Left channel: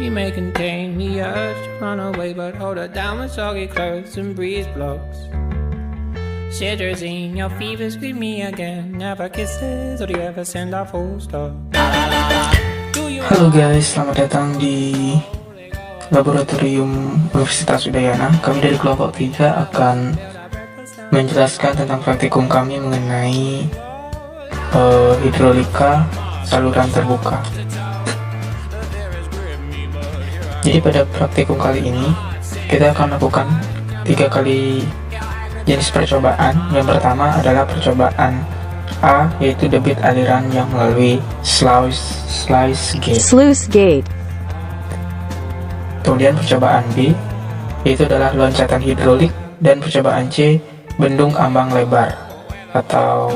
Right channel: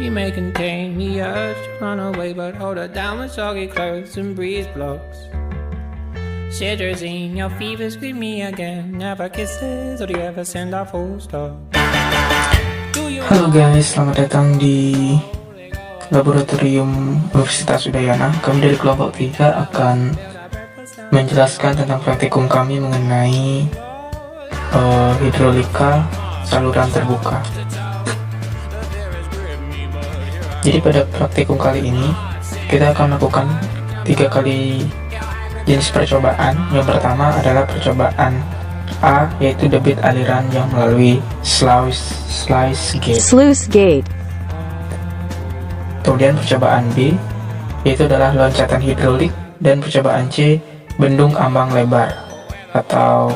She may contain the urge to run away, but hold her down with soggy clothes and breeze blocks. Cetirizine, your fever's with me again. Never kisses, or do you ever send a full stop? Halo guys, selamat datang di Laboratorium Universitas Udayana. Kami dari kelompok 3 akan menjelaskan tentang praktikum kami mengenai hidrolika saluran terbuka. Jadi pada praktikum kali ini kita akan melakukan 3 kali jenis percobaan. Yang pertama adalah percobaan A, yaitu debit aliran yang melalui sluice gate. Kemudian percobaan B, yaitu adalah loncatan hidrolik, dan percobaan C, bendung ambang lebar atau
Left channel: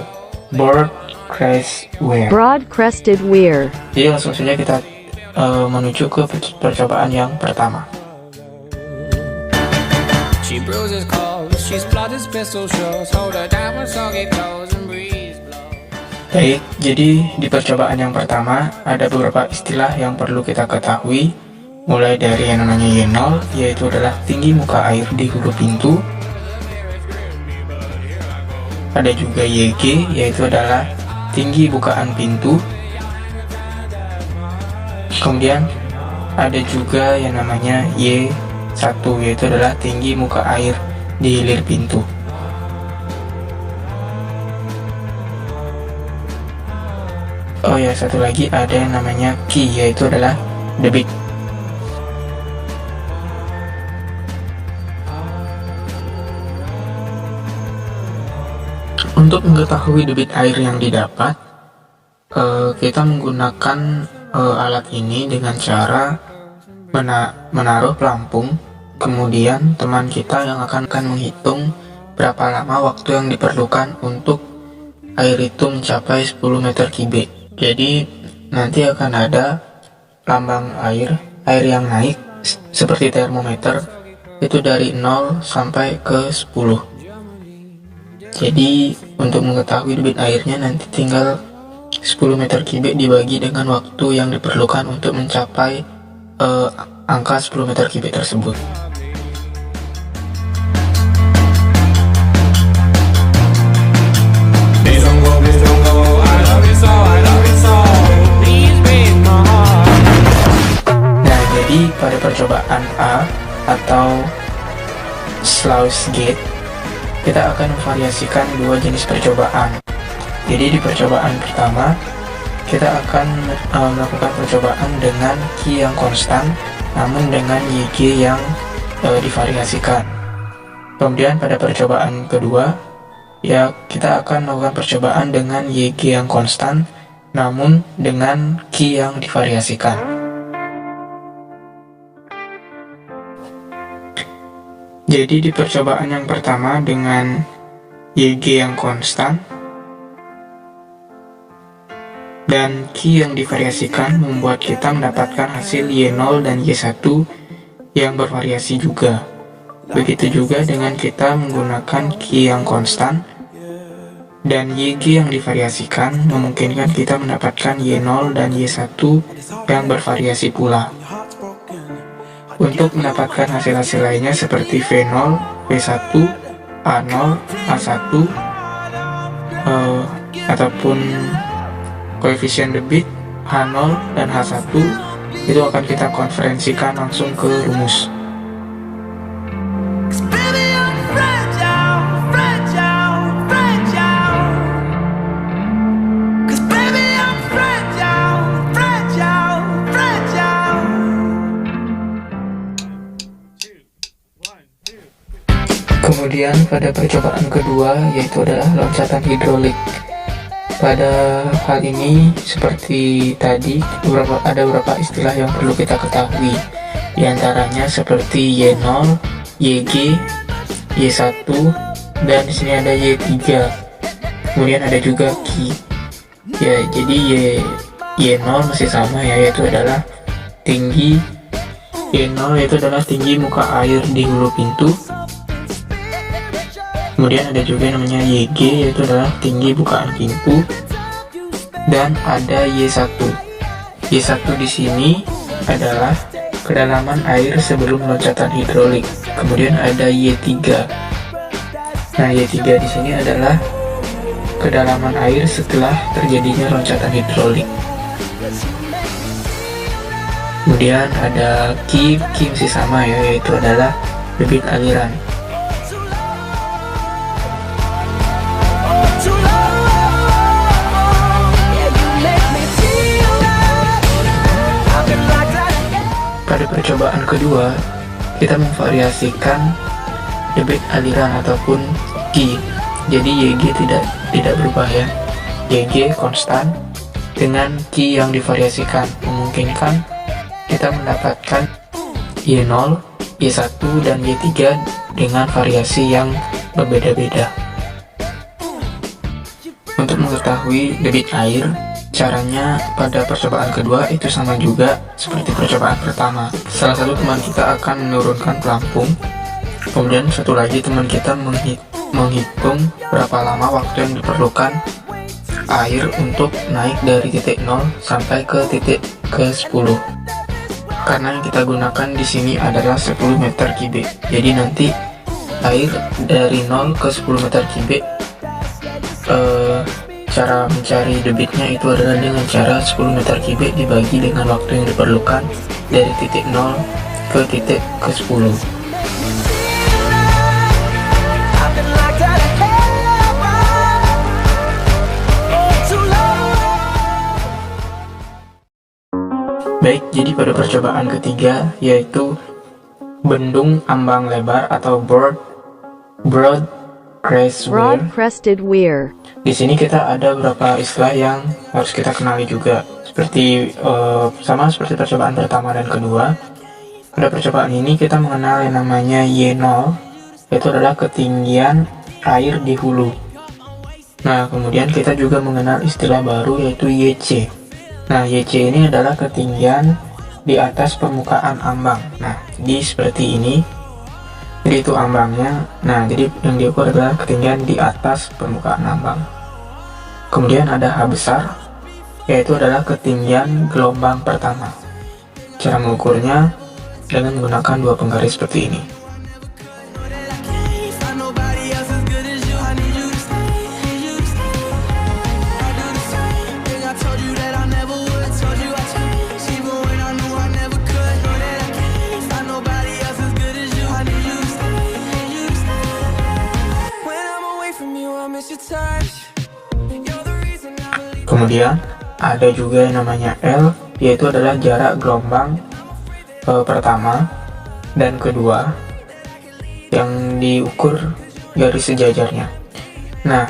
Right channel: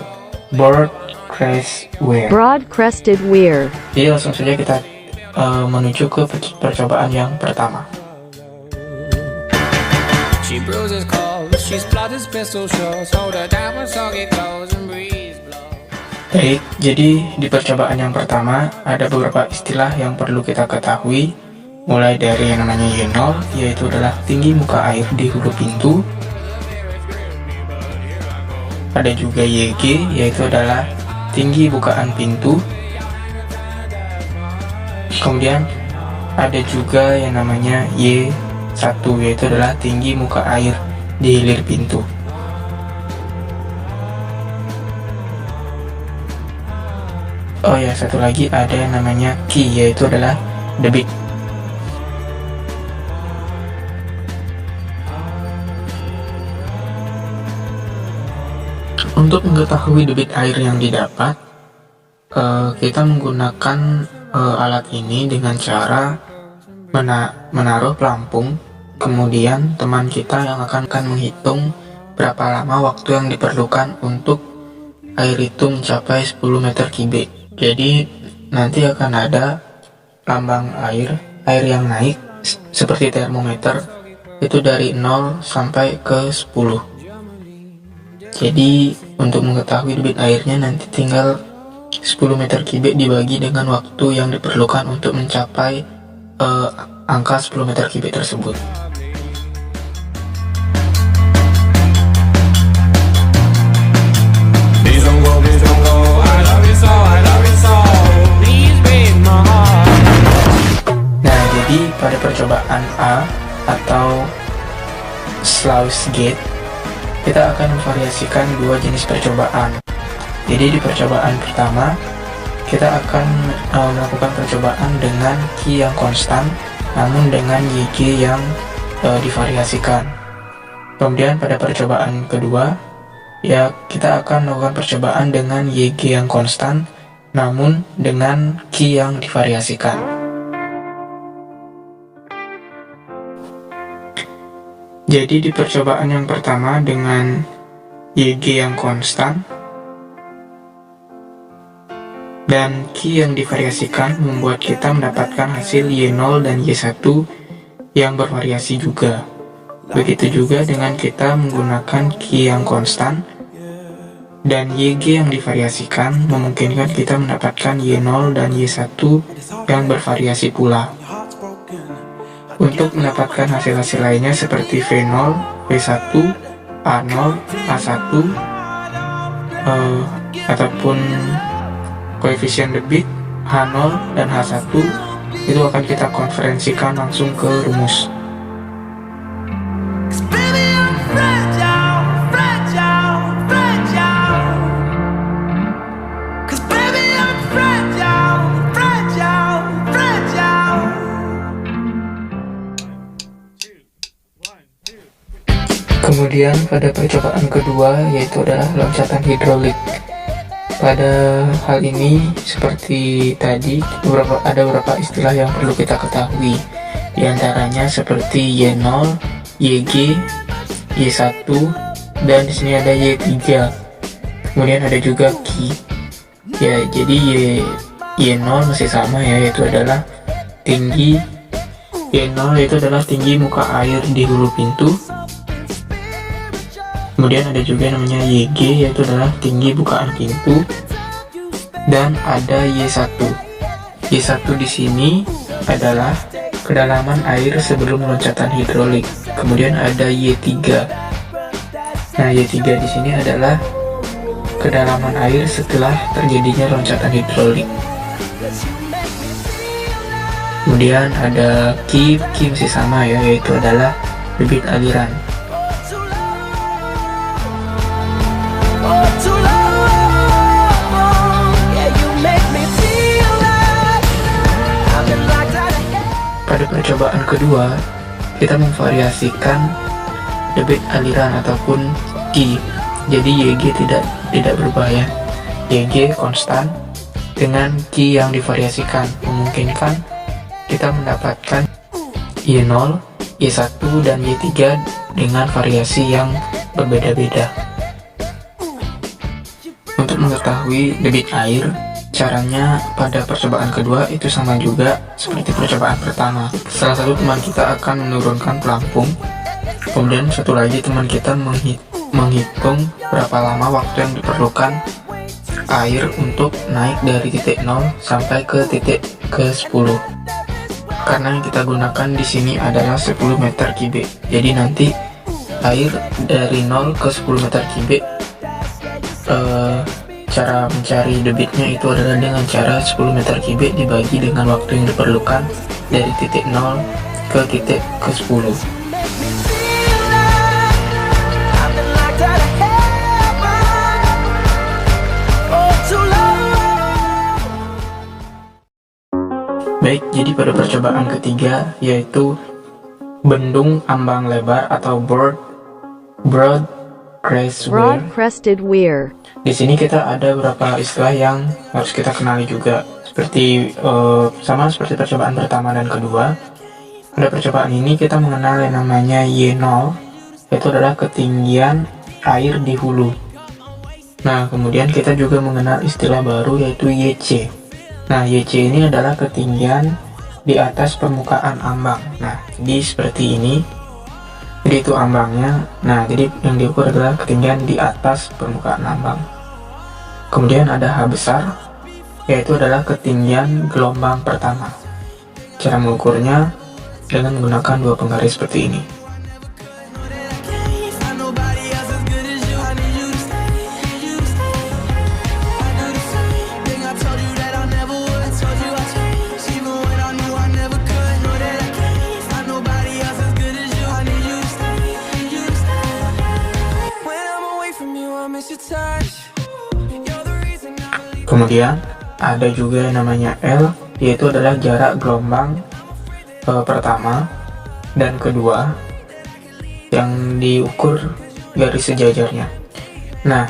broad crested weir. Jadi langsung saja kita menuju ke percobaan yang pertama. Baik, jadi di percobaan yang pertama ada beberapa istilah yang perlu kita ketahui, mulai dari yang namanya Y0, yaitu adalah tinggi muka air di hulu pintu. Ada juga YG, yaitu adalah tinggi bukaan pintu. Kemudian ada juga yang namanya Y1, yaitu adalah tinggi muka air di hilir pintu. Oh ya, satu lagi ada yang namanya Q, yaitu adalah debit. Untuk mengetahui debit air yang didapat, kita menggunakan alat ini dengan cara menaruh pelampung, kemudian teman kita yang akan menghitung berapa lama waktu yang diperlukan untuk air itu mencapai 10 meter kubik. Jadi nanti akan ada lambang air yang naik seperti termometer, itu dari 0 sampai ke 10. Jadi untuk mengetahui debit airnya nanti tinggal 10 meter kubik dibagi dengan waktu yang diperlukan untuk mencapai angka 10 meter kubik tersebut. Nah, jadi pada percobaan A atau sluice gate, kita akan memvariasikan 2 jenis percobaan. Jadi di percobaan pertama kita akan melakukan percobaan dengan Q yang konstan, namun dengan YG yang divariasikan. Kemudian pada percobaan kedua, ya kita akan melakukan percobaan dengan YG yang konstan, namun dengan Q yang divariasikan. Jadi di percobaan yang pertama dengan YG yang konstan dan Q yang divariasikan membuat kita mendapatkan hasil Y0 dan Y1 yang bervariasi juga. Begitu juga dengan kita menggunakan Q yang konstan dan YG yang divariasikan memungkinkan kita mendapatkan Y0 dan Y1 yang bervariasi pula. Untuk mendapatkan hasil-hasil lainnya seperti V0, V1, A0, A1, ataupun koefisien debit H0 dan H1, itu akan kita konferensikan langsung ke rumus. Kemudian pada percobaan kedua, yaitu adalah loncatan hidrolik. Pada hal ini seperti tadi ada beberapa istilah yang perlu kita ketahui. Di antaranya seperti Y0, YG, Y1, dan di sini ada Y3. Kemudian ada juga Q. Ya, jadi Y0 masih sama ya, yaitu adalah tinggi Y0 yaitu adalah tinggi muka air di hulu pintu. Kemudian ada juga namanya YG, yaitu adalah tinggi bukaan pintu, dan ada Y1. Y1 di sini adalah kedalaman air sebelum loncatan hidrolik. Kemudian ada Y3. Nah, Y3 di sini adalah kedalaman air setelah terjadinya loncatan hidrolik. Kemudian ada Q masih sama ya, yaitu adalah debit aliran. Pada percobaan kedua, kita memvariasikan debit aliran ataupun Q. Jadi YG tidak berubah ya. YG konstan dengan Q yang divariasikan, memungkinkan kita mendapatkan Y0, Y1, dan Y3 dengan variasi yang berbeda-beda. Untuk mengetahui debit air, caranya pada percobaan kedua itu sama juga seperti percobaan pertama. Salah satu teman kita akan menurunkan pelampung, kemudian satu lagi teman kita menghitung berapa lama waktu yang diperlukan air untuk naik dari titik 0 sampai ke titik ke-10. Karena yang kita gunakan di sini adalah 10 meter kubik. Jadi nanti air dari 0 ke 10 meter kubik, cara mencari debitnya itu adalah dengan cara 10 meter kubik dibagi dengan waktu yang diperlukan dari titik 0 ke titik ke-10. Baik, jadi pada percobaan ketiga yaitu bendung ambang lebar atau broad crested weir. Di sini kita ada beberapa istilah yang harus kita kenali juga. Sama seperti percobaan pertama dan kedua. Pada percobaan ini kita mengenal yang namanya Y0, yaitu adalah ketinggian air di hulu. Nah, kemudian kita juga mengenal istilah baru yaitu YC. Nah, YC ini adalah ketinggian di atas permukaan ambang. Nah, jadi seperti ini. Jadi itu ambangnya. Nah, jadi yang diukur adalah ketinggian di atas permukaan ambang. Kemudian ada H besar, yaitu adalah ketinggian gelombang pertama. Cara mengukurnya dengan menggunakan dua penggaris seperti ini. Kemudian ada juga yang namanya L, yaitu adalah jarak gelombang pertama dan kedua yang diukur garis sejajarnya. Nah,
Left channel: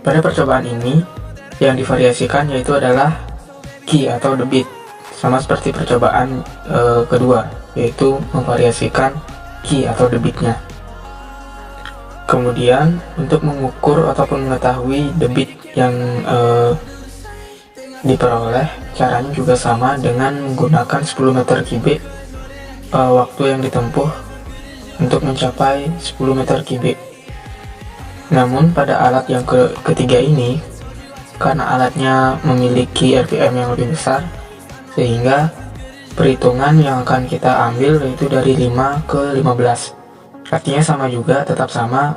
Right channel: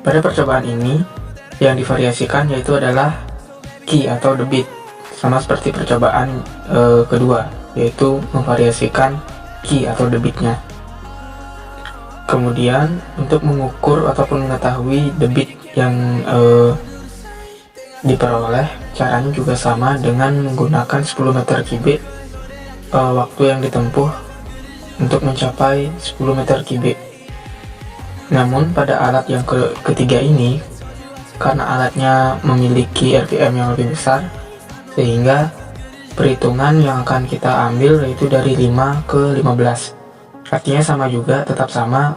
pada percobaan ini yang divariasikan yaitu adalah Q atau debit, sama seperti percobaan kedua, yaitu memvariasikan Q atau debitnya. Kemudian untuk mengukur ataupun mengetahui debit yang diperoleh, caranya juga sama dengan menggunakan 10 meter kubik waktu yang ditempuh untuk mencapai 10 meter kubik. Namun pada alat yang ketiga ini, karena alatnya memiliki RPM yang lebih besar, sehingga perhitungan yang akan kita ambil yaitu dari 5 ke 15. Artinya sama juga, tetap sama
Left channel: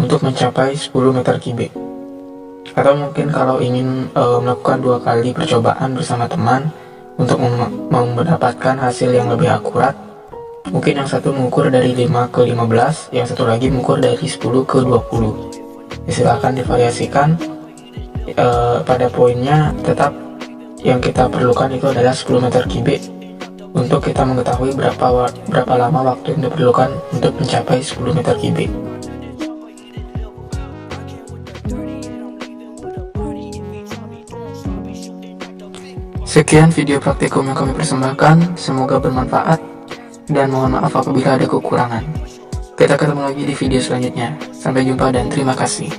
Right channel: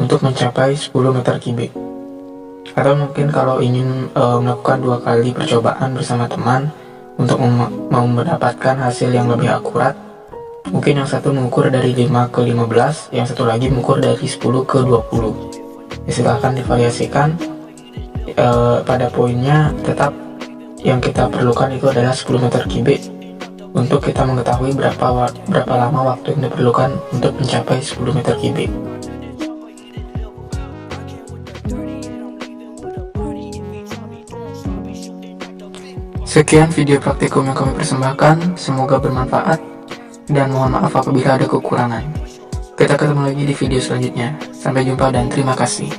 untuk mencapai 10 meter kubik. Atau mungkin kalau ingin melakukan 2 kali percobaan bersama teman untuk mendapatkan hasil yang lebih akurat, mungkin yang satu mengukur dari 5 ke 15, yang satu lagi mengukur dari 10 ke 20. Silakan divariasikan. Pada poinnya tetap yang kita perlukan itu adalah 10 meter kubik untuk kita mengetahui berapa lama waktu yang diperlukan untuk mencapai 10 meter kubik. Sekian video praktikum yang kami persembahkan, semoga bermanfaat dan mohon maaf apabila ada kekurangan. Kita ketemu lagi di video selanjutnya. Sampai jumpa dan terima kasih.